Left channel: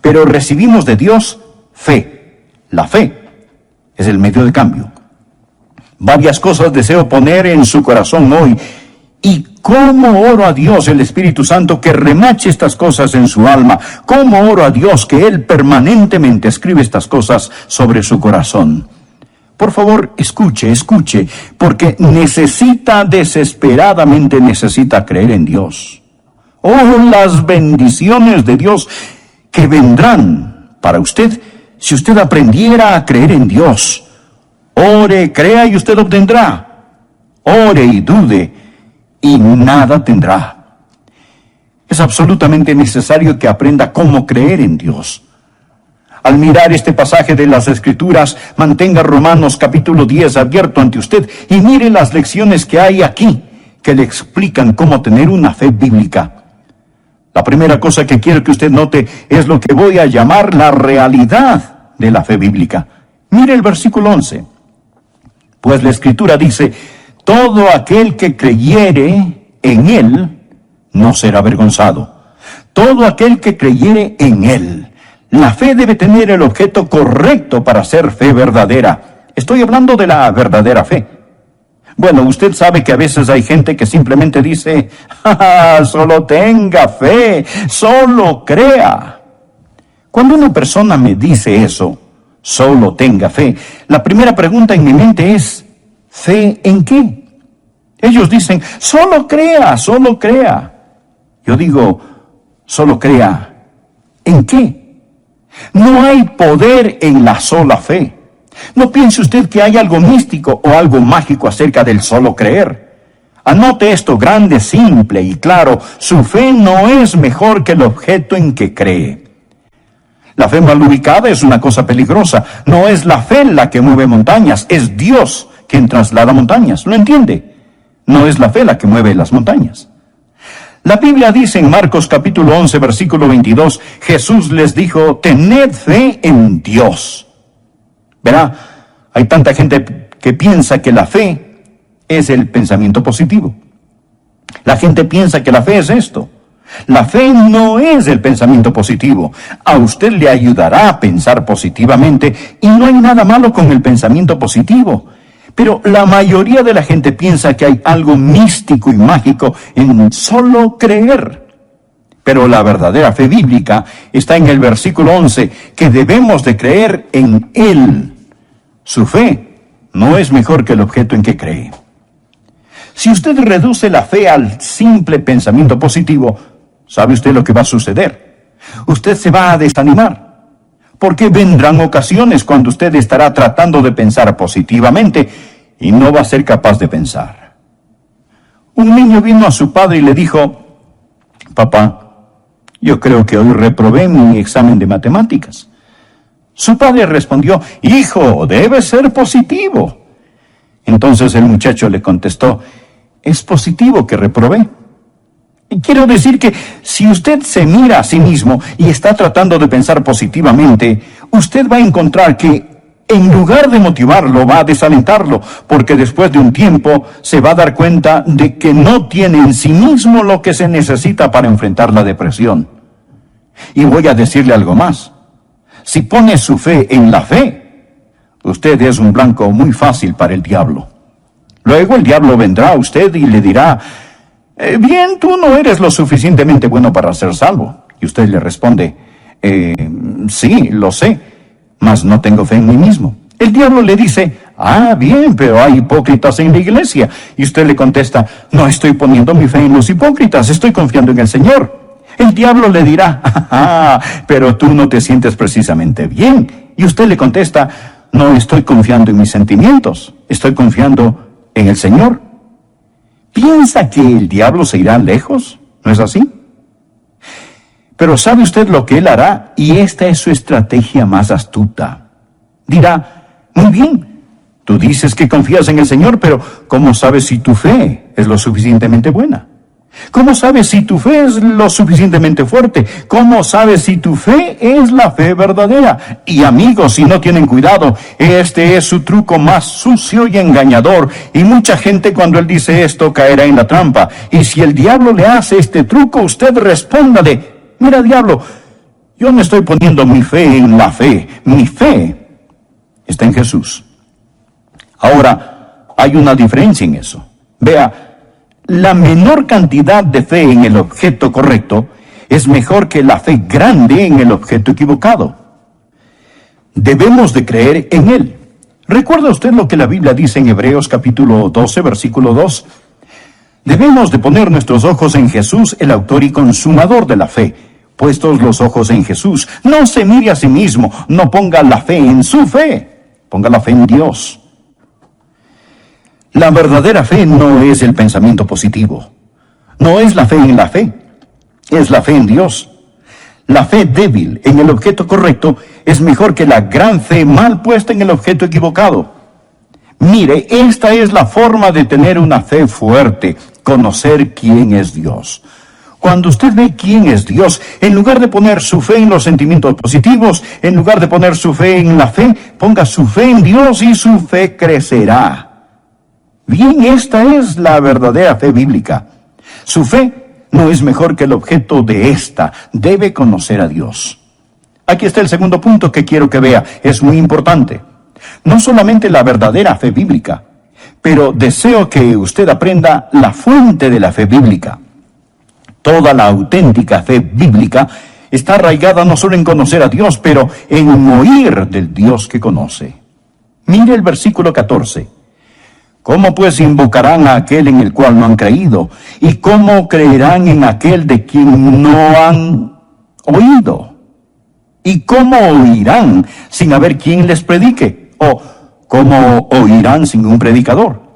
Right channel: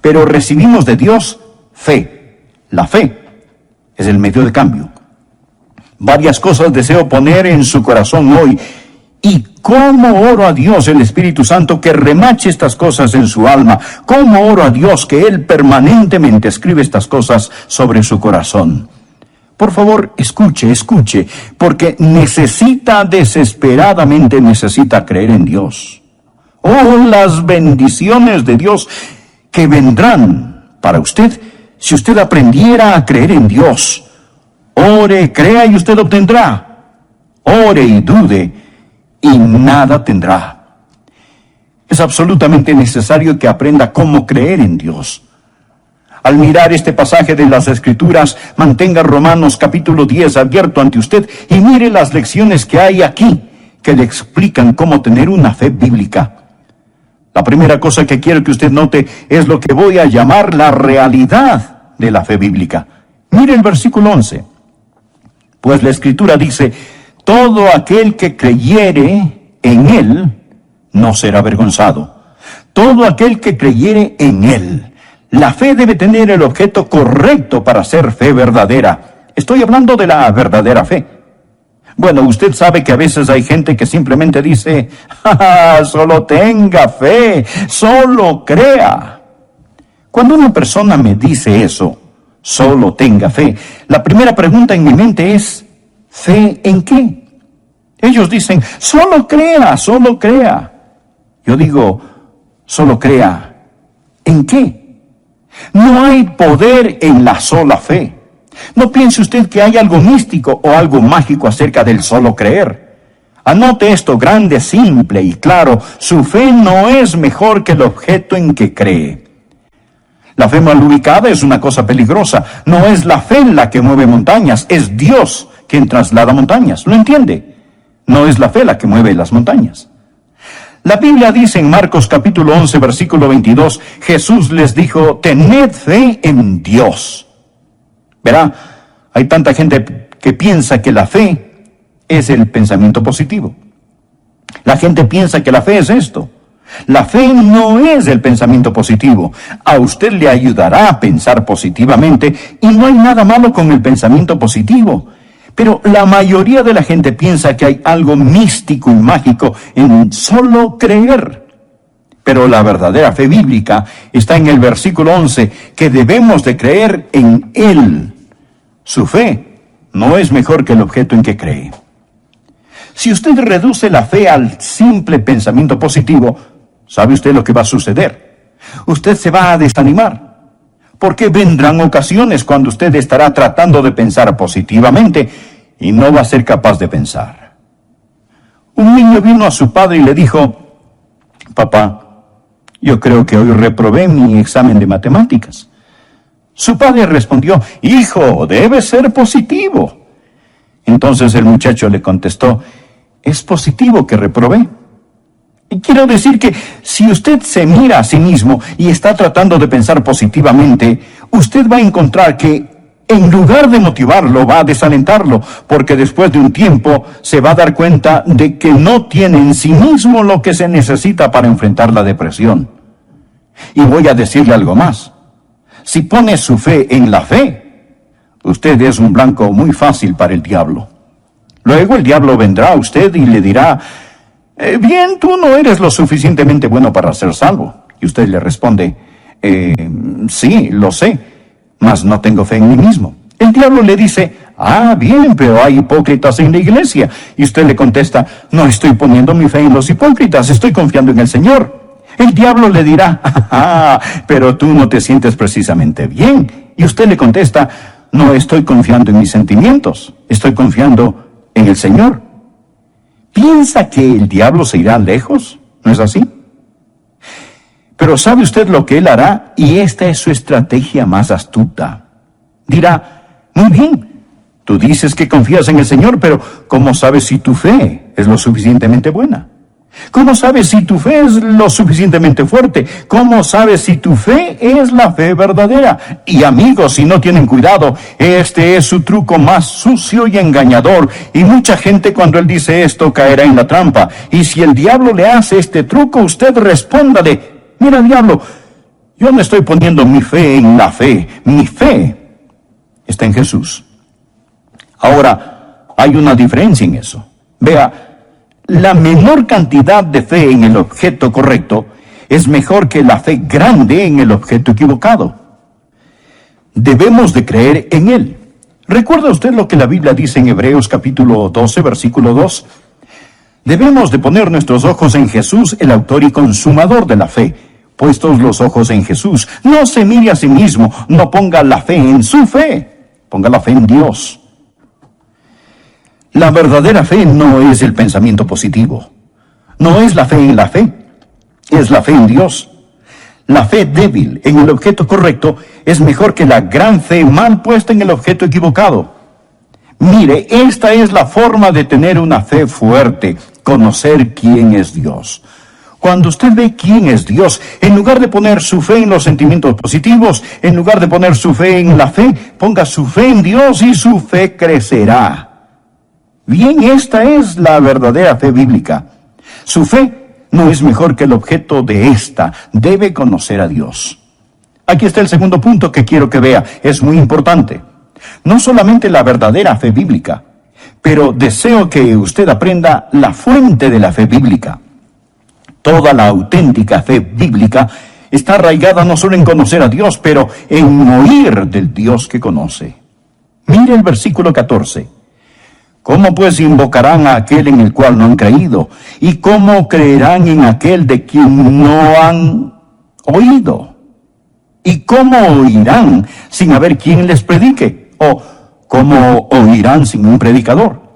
pero recibimos de Dios fe. La fe es el medio de cambio. Varias cosas deseo poner en su corazón hoy. Y cómo oro a Dios, el Espíritu Santo, que remache estas cosas en su alma. Cómo oro a Dios que Él permanentemente escribe estas cosas sobre su corazón. Por favor, escuche, porque desesperadamente necesita creer en Dios. Oh, las bendiciones de Dios que vendrán para usted si usted aprendiera a creer en Dios. Ore, crea y usted obtendrá. Ore y dude y nada tendrá. Es absolutamente necesario que aprenda cómo creer en Dios. Al mirar este pasaje de las Escrituras, mantenga Romanos capítulo 10 abierto ante usted y mire las lecciones que hay aquí que le explican cómo tener una fe bíblica. La primera cosa que quiero que usted note es lo que voy a llamar la realidad de la fe bíblica. Mire el versículo 11. Pues la Escritura dice: todo aquel que creyere en Él no será avergonzado. Todo aquel que creyere en Él. La fe debe tener el objeto correcto para ser fe verdadera. Estoy hablando de la verdadera fe. Bueno, usted sabe que a veces hay gente que simplemente dice: solo tenga fe, solo crea. Cuando una persona me dice eso, solo tenga fe, la primera pregunta en mi mente es: ¿fe en qué? Ellos dicen: solo crea, solo crea. Yo digo: solo crea. ¿En qué? No hay poder en la sola fe. No piense usted que hay algo místico o algo mágico acerca del solo creer. Anote esto grande, simple y claro: su fe no es mejor que el objeto en que cree. La fe mal ubicada es una cosa peligrosa. No es la fe la que mueve montañas, es Dios quien traslada montañas. ¿Lo entiende? No es la fe la que mueve las montañas. La Biblia dice en Marcos capítulo 11, versículo 22, Jesús les dijo: tened fe en Dios. Verá, hay tanta gente que piensa que la fe es el pensamiento positivo. La gente piensa que la fe es esto. La fe no es el pensamiento positivo. A usted le ayudará a pensar positivamente y no hay nada malo con el pensamiento positivo. Pero la mayoría de la gente piensa que hay algo místico y mágico en solo creer. Pero la verdadera fe bíblica está en el versículo 11, que debemos de creer en Él. Su fe no es mejor que el objeto en que cree. Si usted reduce la fe al simple pensamiento positivo, ¿sabe usted lo que va a suceder? Usted se va a desanimar. Porque vendrán ocasiones cuando usted estará tratando de pensar positivamente y no va a ser capaz de pensar. Un niño vino a su padre y le dijo: papá, yo creo que hoy reprobé mi examen de matemáticas. Su padre respondió: hijo, debe ser positivo. Entonces el muchacho le contestó: es positivo que reprobé. Y quiero decir que si usted se mira a sí mismo y está tratando de pensar positivamente, usted va a encontrar que en lugar de motivarlo, va a desalentarlo, porque después de un tiempo se va a dar cuenta de que no tiene en sí mismo lo que se necesita para enfrentar la depresión. Y voy a decirle algo más. Si pone su fe en la fe, usted es un blanco muy fácil para el diablo. Luego el diablo vendrá a usted y le dirá: bien, tú no eres lo suficientemente bueno para ser salvo. Y usted le responde: sí, lo sé, mas no tengo fe en mí mismo. El diablo le dice: bien, pero hay hipócritas en la iglesia. Y usted le contesta: no estoy poniendo mi fe en los hipócritas, estoy confiando en el Señor. El diablo le dirá: pero tú no te sientes precisamente bien. Y usted le contesta: no estoy confiando en mis sentimientos, estoy confiando en el Señor. ¿Piensa que el diablo se irá lejos? ¿No es así? Pero ¿sabe usted lo que él hará? Y esta es su estrategia más astuta. Dirá: muy bien, tú dices que confías en el Señor, pero ¿cómo sabes si tu fe es lo suficientemente buena? ¿Cómo sabes si tu fe es lo suficientemente fuerte? ¿Cómo sabes si tu fe es la fe verdadera? Y amigos, si no tienen cuidado, este es su truco más sucio y engañador. Y mucha gente cuando él dice esto caerá en la trampa. Y si el diablo le hace este truco, usted respóndale: mira, diablo, Yo no estoy poniendo mi fe en la fe. Mi fe está en Jesús. Ahora, hay una diferencia en eso. Vea, la menor cantidad de fe en el objeto correcto es mejor que la fe grande en el objeto equivocado. Debemos de creer en Él. ¿Recuerda usted lo que la Biblia dice en Hebreos capítulo 12, versículo 2? Debemos de poner nuestros ojos en Jesús, el autor y consumador de la fe. Puestos los ojos en Jesús, no se mire a sí mismo, no ponga la fe en su fe, ponga la fe en Dios. La verdadera fe no es el pensamiento positivo, no es la fe en la fe, es la fe en Dios. La fe débil en el objeto correcto es mejor que la gran fe mal puesta en el objeto equivocado. Mire, esta es la forma de tener una fe fuerte, conocer quién es Dios. Cuando usted ve quién es Dios, en lugar de poner su fe en los sentimientos positivos, en lugar de poner su fe en la fe, ponga su fe en Dios y su fe crecerá. Bien, esta es la verdadera fe bíblica. Su fe no es mejor que el objeto de esta, debe conocer a Dios. Aquí está el segundo punto que quiero que vea, es muy importante. No solamente la verdadera fe bíblica, pero deseo que usted aprenda la fuente de la fe bíblica. Toda la auténtica fe bíblica está arraigada no solo en conocer a Dios, pero en oír del Dios que conoce. Mire el versículo 14. ¿Cómo pues invocarán a aquel en el cual no han creído? ¿Y cómo creerán en aquel de quien no han oído? ¿Y cómo oirán sin haber quien les predique? ¿O cómo oirán sin un predicador?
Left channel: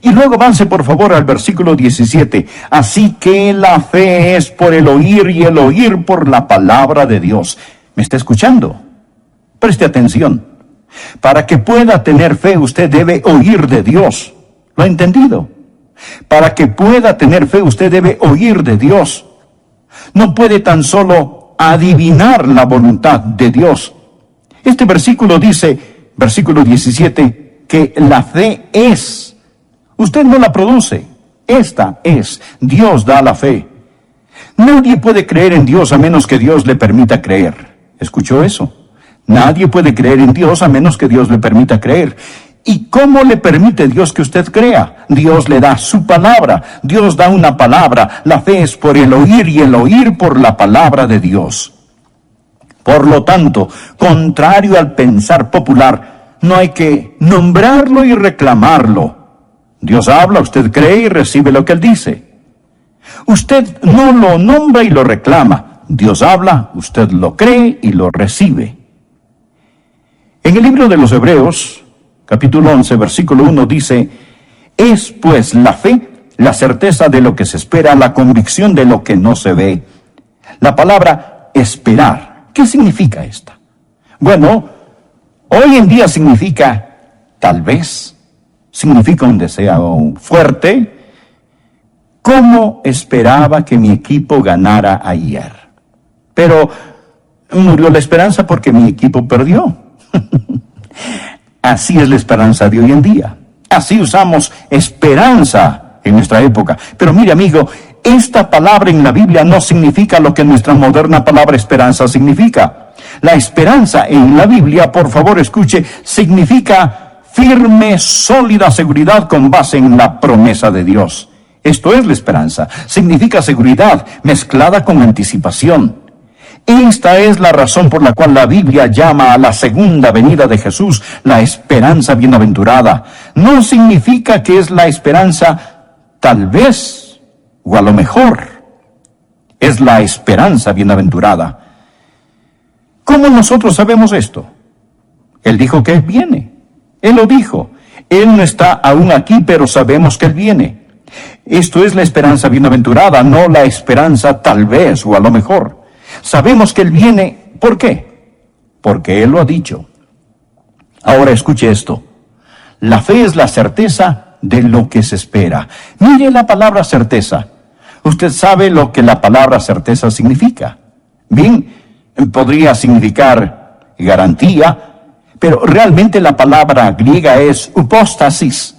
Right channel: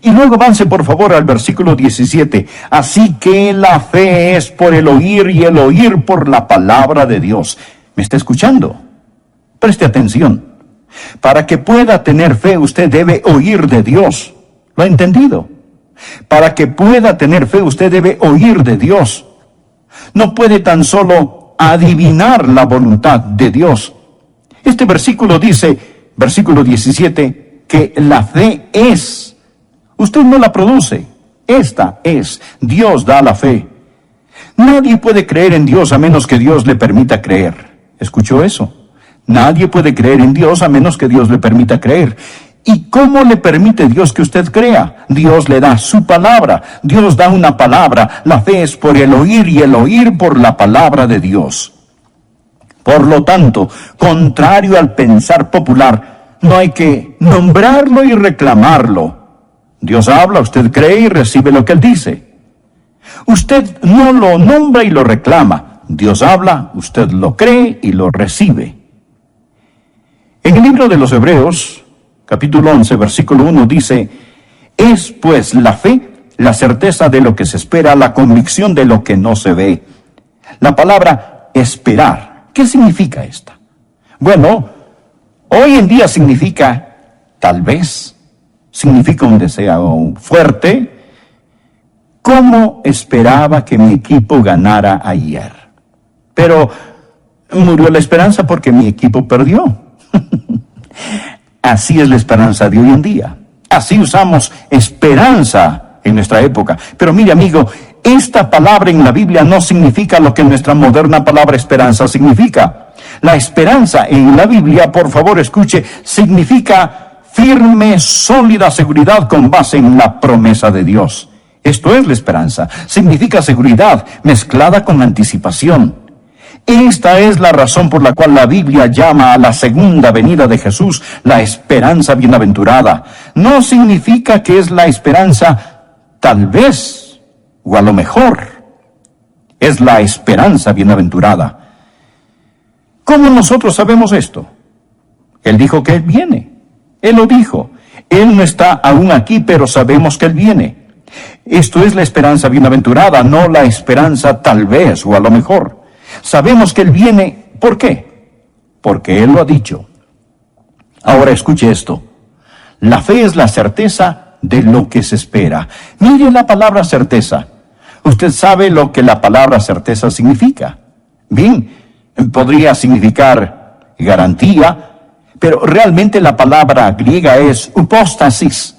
Y luego avance por favor al versículo 17. Así que la fe es por el oír y el oír por la palabra de Dios. ¿Me está escuchando? Preste atención. Para que pueda tener fe, usted debe oír de Dios. ¿Lo ha entendido? Para que pueda tener fe, usted debe oír de Dios. No puede tan solo adivinar la voluntad de Dios. Este versículo dice, versículo 17, que la fe es. Usted no la produce. Esta es. Dios da la fe. Nadie puede creer en Dios a menos que Dios le permita creer. ¿Escuchó eso? Nadie puede creer en Dios a menos que Dios le permita creer. ¿Y cómo le permite Dios que usted crea? Dios le da su palabra. Dios da una palabra. La fe es por el oír y el oír por la palabra de Dios. Por lo tanto, contrario al pensar popular, no hay que nombrarlo y reclamarlo. Dios habla, usted cree y recibe lo que Él dice. Usted no lo nombra y lo reclama. Dios habla, usted lo cree y lo recibe. En el libro de los Hebreos, capítulo 11, versículo 1 dice, es pues la fe, la certeza de lo que se espera, la convicción de lo que no se ve. La palabra esperar, ¿qué significa esta? Bueno, hoy en día significa tal vez. Significa un deseo fuerte. ¿Cómo esperaba que mi equipo ganara ayer? Pero murió la esperanza porque mi equipo perdió. Así es la esperanza de hoy en día. Así usamos esperanza en nuestra época. Pero mire, amigo, esta palabra en la Biblia no significa lo que nuestra moderna palabra esperanza significa. La esperanza en la Biblia, por favor escuche, significa firme, sólida seguridad con base en la promesa de Dios. Esto es la esperanza. Significa seguridad mezclada con anticipación. Esta es la razón por la cual la Biblia llama a la segunda venida de Jesús la esperanza bienaventurada. No significa que es la esperanza tal vez o a lo mejor. Es la esperanza bienaventurada. ¿Cómo nosotros sabemos esto? Él dijo que Él viene. Él lo dijo. Él no está aún aquí, pero sabemos que Él viene. Esto es la esperanza bienaventurada, no la esperanza tal vez o a lo mejor. Sabemos que Él viene. ¿Por qué? Porque Él lo ha dicho. Ahora escuche esto. La fe es la certeza de lo que se espera. Mire la palabra certeza. Usted sabe lo que la palabra certeza significa. Bien, podría significar garantía, pero realmente la palabra griega es upóstasis,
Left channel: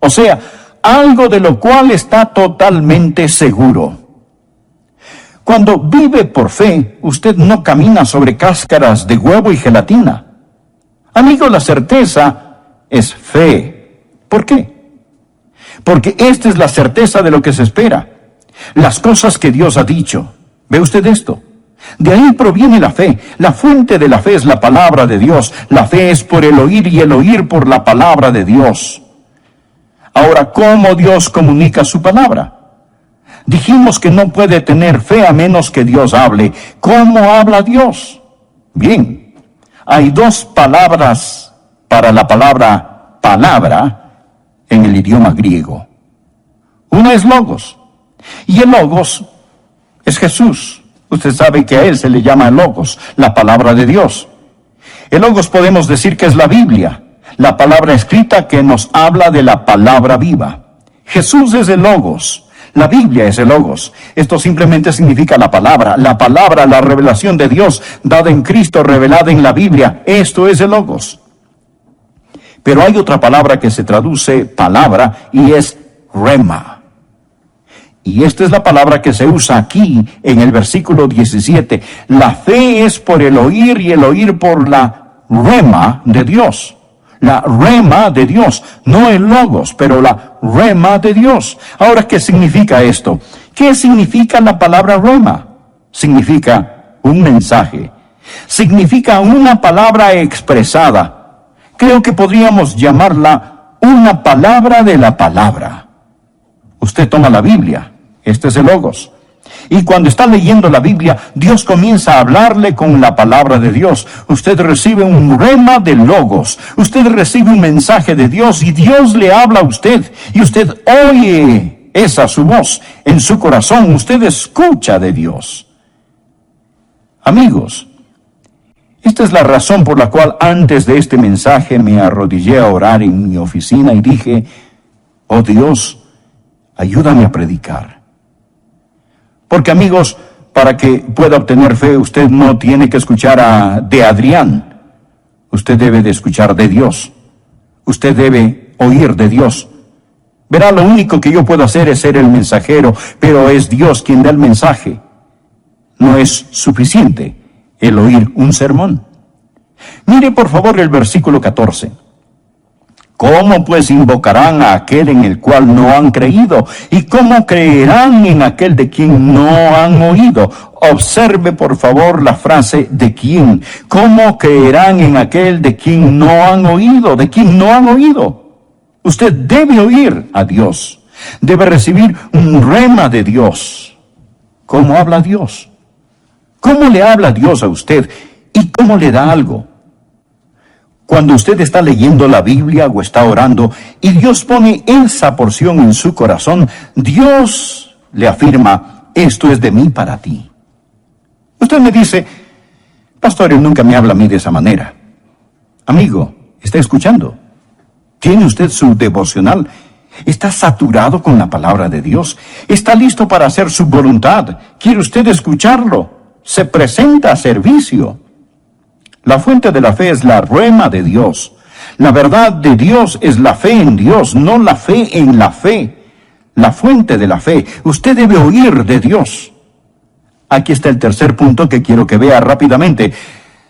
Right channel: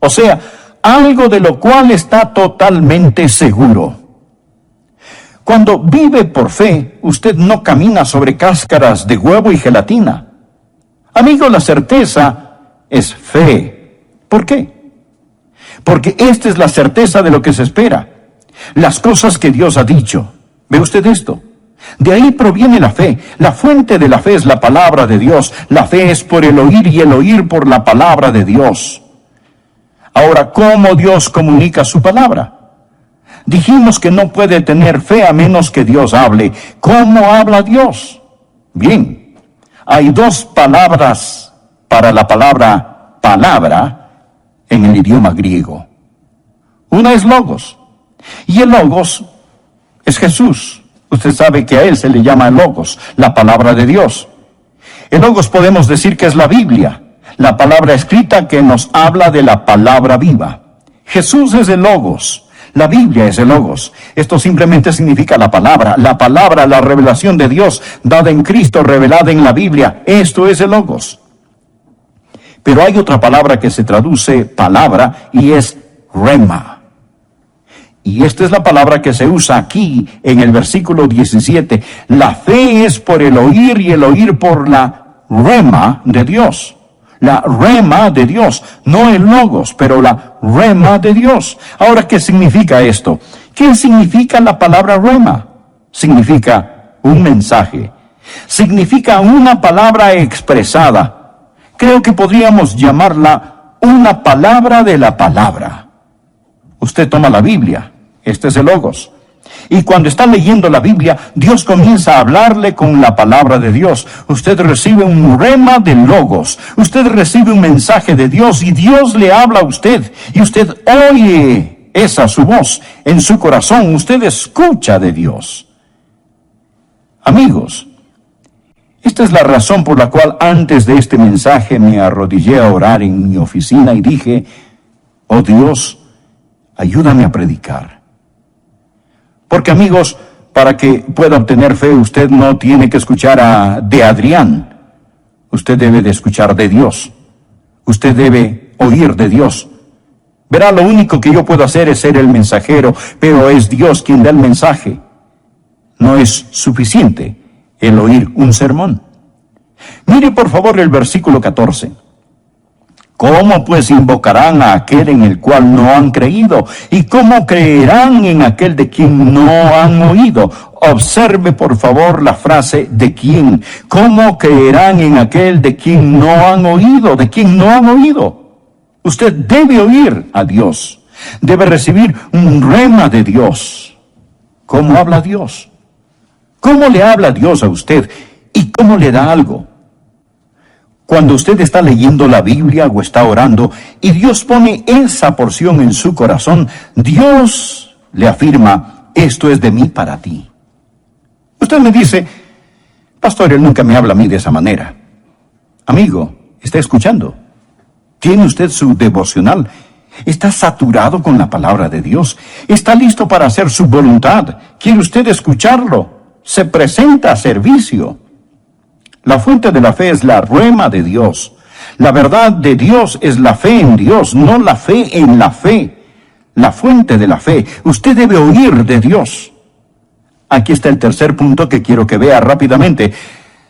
o sea, algo de lo cual está totalmente seguro. Cuando vive por fe, usted no camina sobre cáscaras de huevo y gelatina. Amigo, la certeza es fe. ¿Por qué? Porque esta es la certeza de lo que se espera. Las cosas que Dios ha dicho. ¿Ve usted esto? De ahí proviene la fe. La fuente de la fe es la palabra de Dios. La fe es por el oír y el oír por la palabra de Dios. Ahora, ¿cómo Dios comunica su palabra? Dijimos que no puede tener fe a menos que Dios hable. ¿Cómo habla Dios? Bien, hay dos palabras para la palabra palabra en el idioma griego. Una es logos, y el logos es Jesús. Usted sabe que a él se le llama logos, la palabra de Dios. El logos podemos decir que es la Biblia, la palabra escrita que nos habla de la palabra viva. Jesús es el logos. La Biblia es el logos. Esto simplemente significa la palabra, la revelación de Dios dada en Cristo, revelada en la Biblia. Esto es el logos. Pero hay otra palabra que se traduce palabra y es rema. Y esta es la palabra que se usa aquí en el versículo 17. La fe es por el oír y el oír por la rema de Dios. La rema de Dios, no el logos, pero la rema de Dios. Ahora, ¿qué significa esto? ¿Qué significa la palabra rema? Significa un mensaje. Significa una palabra expresada. Creo que podríamos llamarla una palabra de la palabra. Usted toma la Biblia, este es el logos. Y cuando está leyendo la Biblia, Dios comienza a hablarle con la palabra de Dios. Usted recibe un rema de logos. Usted recibe un mensaje de Dios y Dios le habla a usted. Y usted oye esa su voz en su corazón. Usted escucha de Dios. Amigos, esta es la razón por la cual antes de este mensaje me arrodillé a orar en mi oficina y dije, oh Dios, ayúdame a predicar. Porque amigos, para que pueda obtener fe, usted no tiene que escuchar de Adrián. Usted debe de escuchar de Dios. Usted debe oír de Dios. Verá, lo único que yo puedo hacer es ser el mensajero, pero es Dios quien da el mensaje. No es suficiente el oír un sermón. Mire por favor el versículo 14. ¿Cómo pues invocarán a aquel en el cual no han creído? ¿Y cómo creerán en aquel de quien no han oído? Observe por favor la frase ¿de quién? ¿Cómo creerán en aquel de quien no han oído? ¿De quien no han oído? Usted debe oír a Dios. Debe recibir un rema de Dios. ¿Cómo habla Dios? ¿Cómo le habla Dios a usted? ¿Y cómo le da algo? Cuando usted está leyendo la Biblia o está orando y Dios pone esa porción en su corazón, Dios le afirma, esto es de mí para ti. Usted me dice, pastor, él nunca me habla a mí de esa manera. Amigo, ¿está escuchando? ¿Tiene usted su devocional? ¿Está saturado con la palabra de Dios? ¿Está listo para hacer su voluntad? ¿Quiere usted escucharlo? Se presenta a servicio. La fuente de la fe es la rema de Dios. La verdad de Dios es la fe en Dios, no la fe en la fe. La fuente de la fe. Usted debe oír de Dios. Aquí está el tercer punto que quiero que vea rápidamente.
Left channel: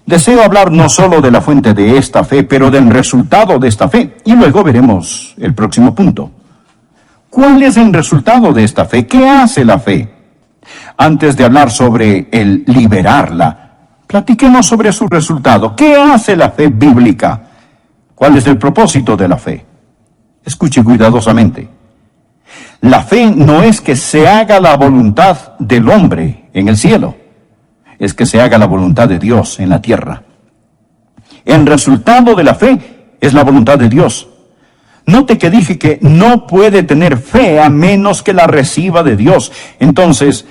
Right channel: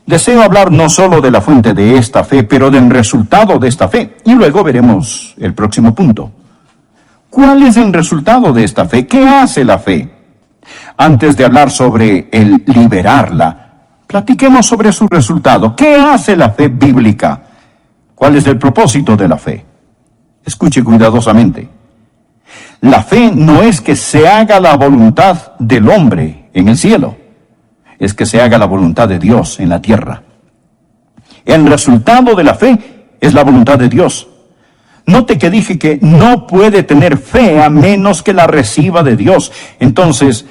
Deseo hablar no solo de la fuente de esta fe, pero del resultado de esta fe. Y luego veremos el próximo punto. ¿Cuál es el resultado de esta fe? ¿Qué hace la fe? Antes de hablar sobre el liberarla, platiquemos sobre su resultado. ¿Qué hace la fe bíblica? ¿Cuál es el propósito de la fe? Escuche cuidadosamente. La fe no es que se haga la voluntad del hombre en el cielo, es que se haga la voluntad de Dios en la tierra. El resultado de la fe es la voluntad de Dios. Note que dije que no puede tener fe a menos que la reciba de Dios. Entonces,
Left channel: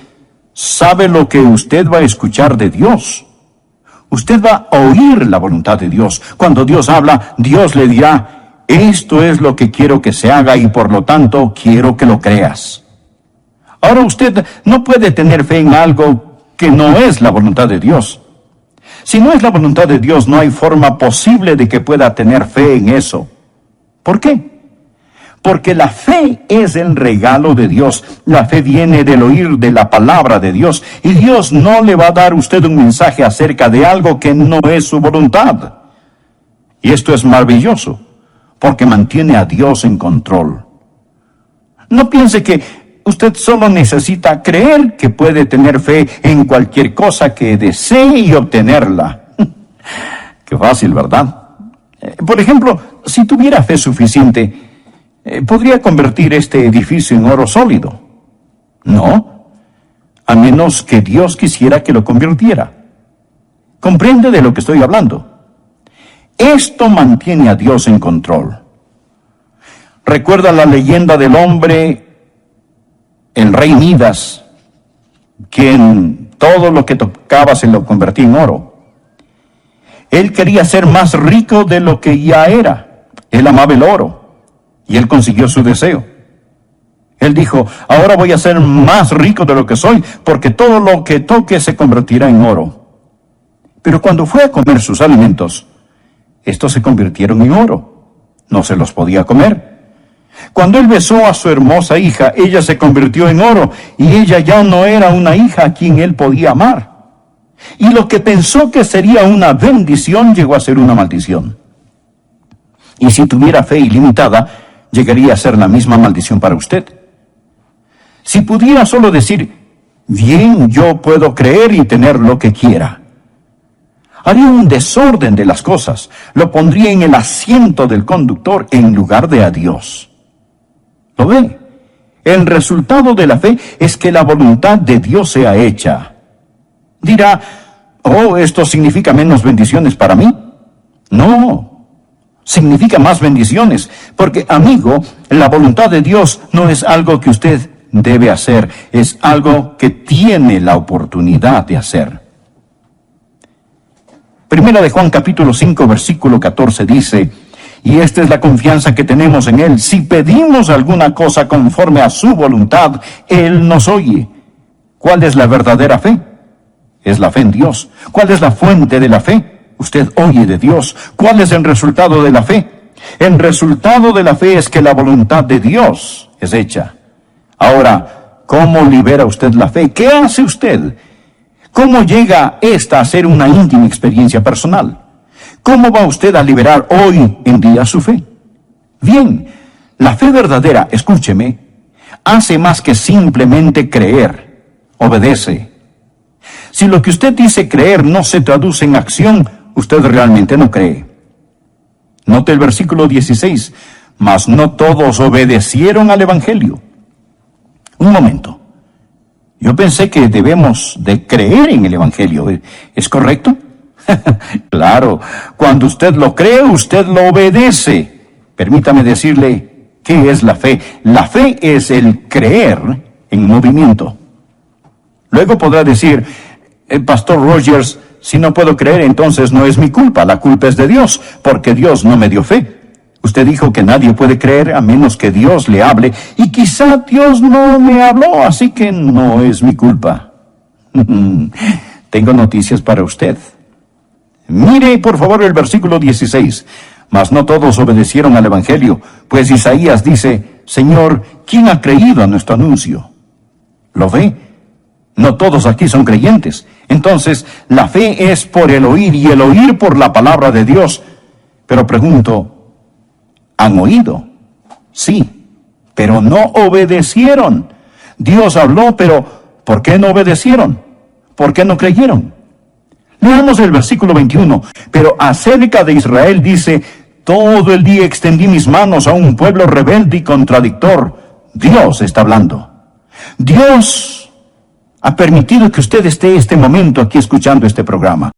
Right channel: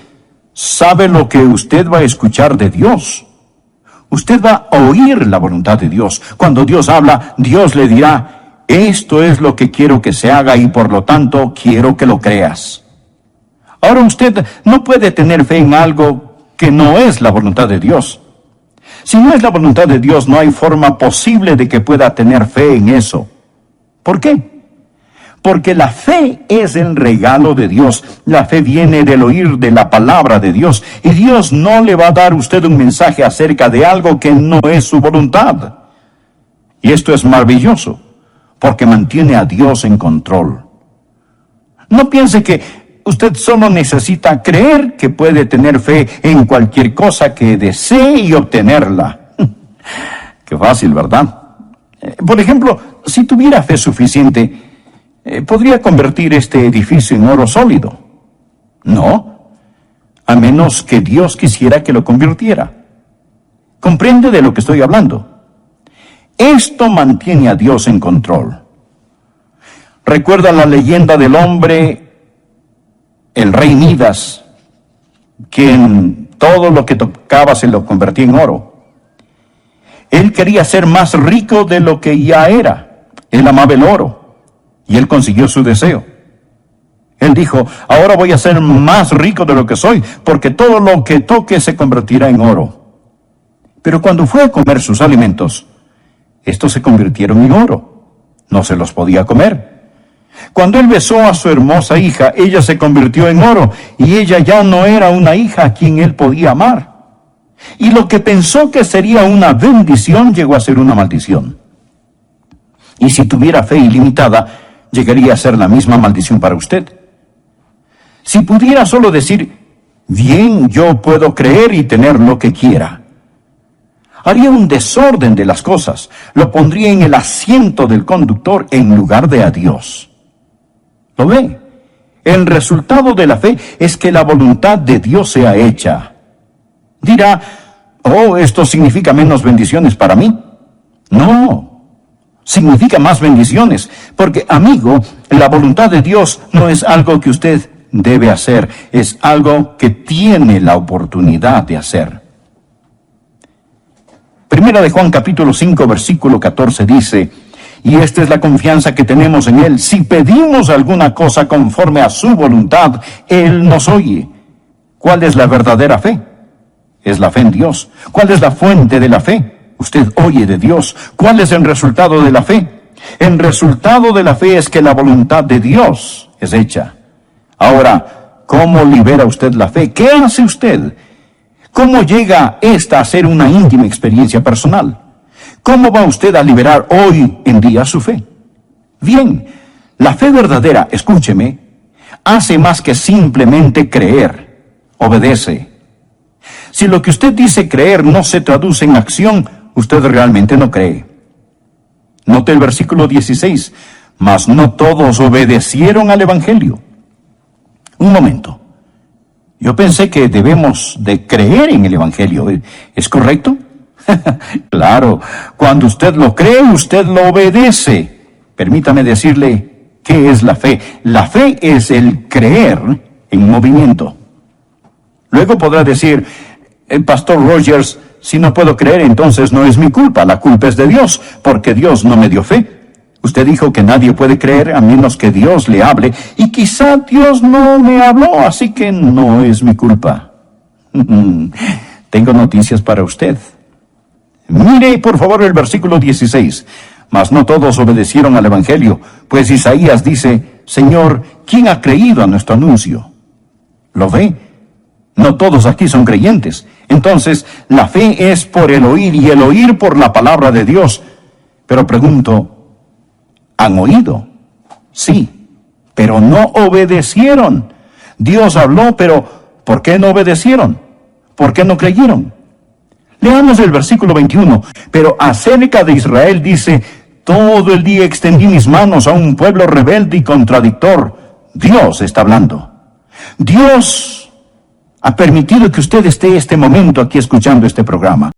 ¿sabe lo que usted va a escuchar de Dios? Usted va a oír la voluntad de Dios. Cuando Dios habla, Dios le dirá, esto es lo que quiero que se haga y por lo tanto quiero que lo creas. Ahora usted no puede tener fe en algo que no es la voluntad de Dios. Si no es la voluntad de Dios, no hay forma posible de que pueda tener fe en eso. ¿Por qué? Porque la fe es el regalo de Dios. La fe viene del oír de la palabra de Dios. Y Dios no le va a dar a usted un mensaje acerca de algo que no es su voluntad. Y esto es maravilloso, porque mantiene a Dios en control. No piense que usted solo necesita creer que puede tener fe en cualquier cosa que desee y obtenerla. Qué fácil, ¿verdad? Por ejemplo, si tuviera fe suficiente, ¿podría convertir este edificio en oro sólido? No, a menos que Dios quisiera que lo convirtiera. ¿Comprende de lo que estoy hablando? Esto mantiene a Dios en control. ¿Recuerda la leyenda del hombre, el rey Midas, quien todo lo que tocaba se lo convertía en oro? Él quería ser más rico de lo que ya era. Él amaba el oro. Y él consiguió su deseo. Él dijo, ahora voy a ser más rico de lo que soy, porque todo lo que toque se convertirá en oro. Pero cuando fue a comer sus alimentos, estos se convirtieron en oro. No se los podía comer. Cuando él besó a su hermosa hija, ella se convirtió en oro, y ella ya no era una hija a quien él podía amar. Y lo que pensó que sería una bendición llegó a ser una maldición. Y si tuviera fe ilimitada, llegaría a ser la misma maldición para usted. Si pudiera solo decir, bien, yo puedo creer y tener lo que quiera, haría un desorden de las cosas, lo pondría en el asiento del conductor en lugar de a Dios. ¿Lo ve? El resultado de la fe es que la voluntad de Dios sea hecha. Dirá, oh, esto significa menos bendiciones para mí. No. Significa más bendiciones, porque, amigo, la voluntad de Dios no es algo que usted debe hacer, es algo que tiene la oportunidad de hacer. Primera de Juan capítulo 5, versículo 14 dice, y esta es la confianza que tenemos en Él, si pedimos alguna cosa conforme a su voluntad, Él nos oye. ¿Cuál es la verdadera fe? Es la fe en Dios. ¿Cuál es la fuente de la fe? Usted oye de Dios. ¿Cuál es el resultado de la fe? El resultado de la fe es que la voluntad de Dios es hecha. Ahora, ¿cómo libera usted la fe? ¿Qué hace usted? ¿Cómo llega esta a ser una íntima experiencia personal? ¿Cómo va usted a liberar hoy en día su fe? Bien, la fe verdadera, escúcheme, hace más que simplemente creer. Obedece. Si lo que usted dice creer no se traduce en acción, usted realmente no cree. Note el versículo 16. Mas no todos obedecieron al Evangelio. Un momento. Yo pensé que debemos de creer en el Evangelio. ¿Es correcto? Claro. Cuando usted lo cree, usted lo obedece. Permítame decirle, ¿qué es la fe? La fe es el creer en movimiento. Luego podrá decir, el pastor Rogers, si no puedo creer, entonces no es mi culpa, la culpa es de Dios, porque Dios no me dio fe. Usted dijo que nadie puede creer a menos que Dios le hable, y quizá Dios no me habló, así que no es mi culpa. Tengo noticias para usted. Mire, por favor, el versículo 16. Mas no todos obedecieron al Evangelio, pues Isaías dice, Señor, ¿quién ha creído a nuestro anuncio? ¿Lo ve? No todos aquí son creyentes. Entonces, la fe es por el oír y el oír por la palabra de Dios. Pero pregunto, ¿han oído? Sí, pero no obedecieron. Dios habló, pero ¿por qué no obedecieron? ¿Por qué no creyeron? Leamos el versículo 21. Pero acerca de Israel dice, todo el día extendí mis manos a un pueblo rebelde y contradictor. Dios está hablando. Dios ha permitido que usted esté este momento aquí escuchando este programa.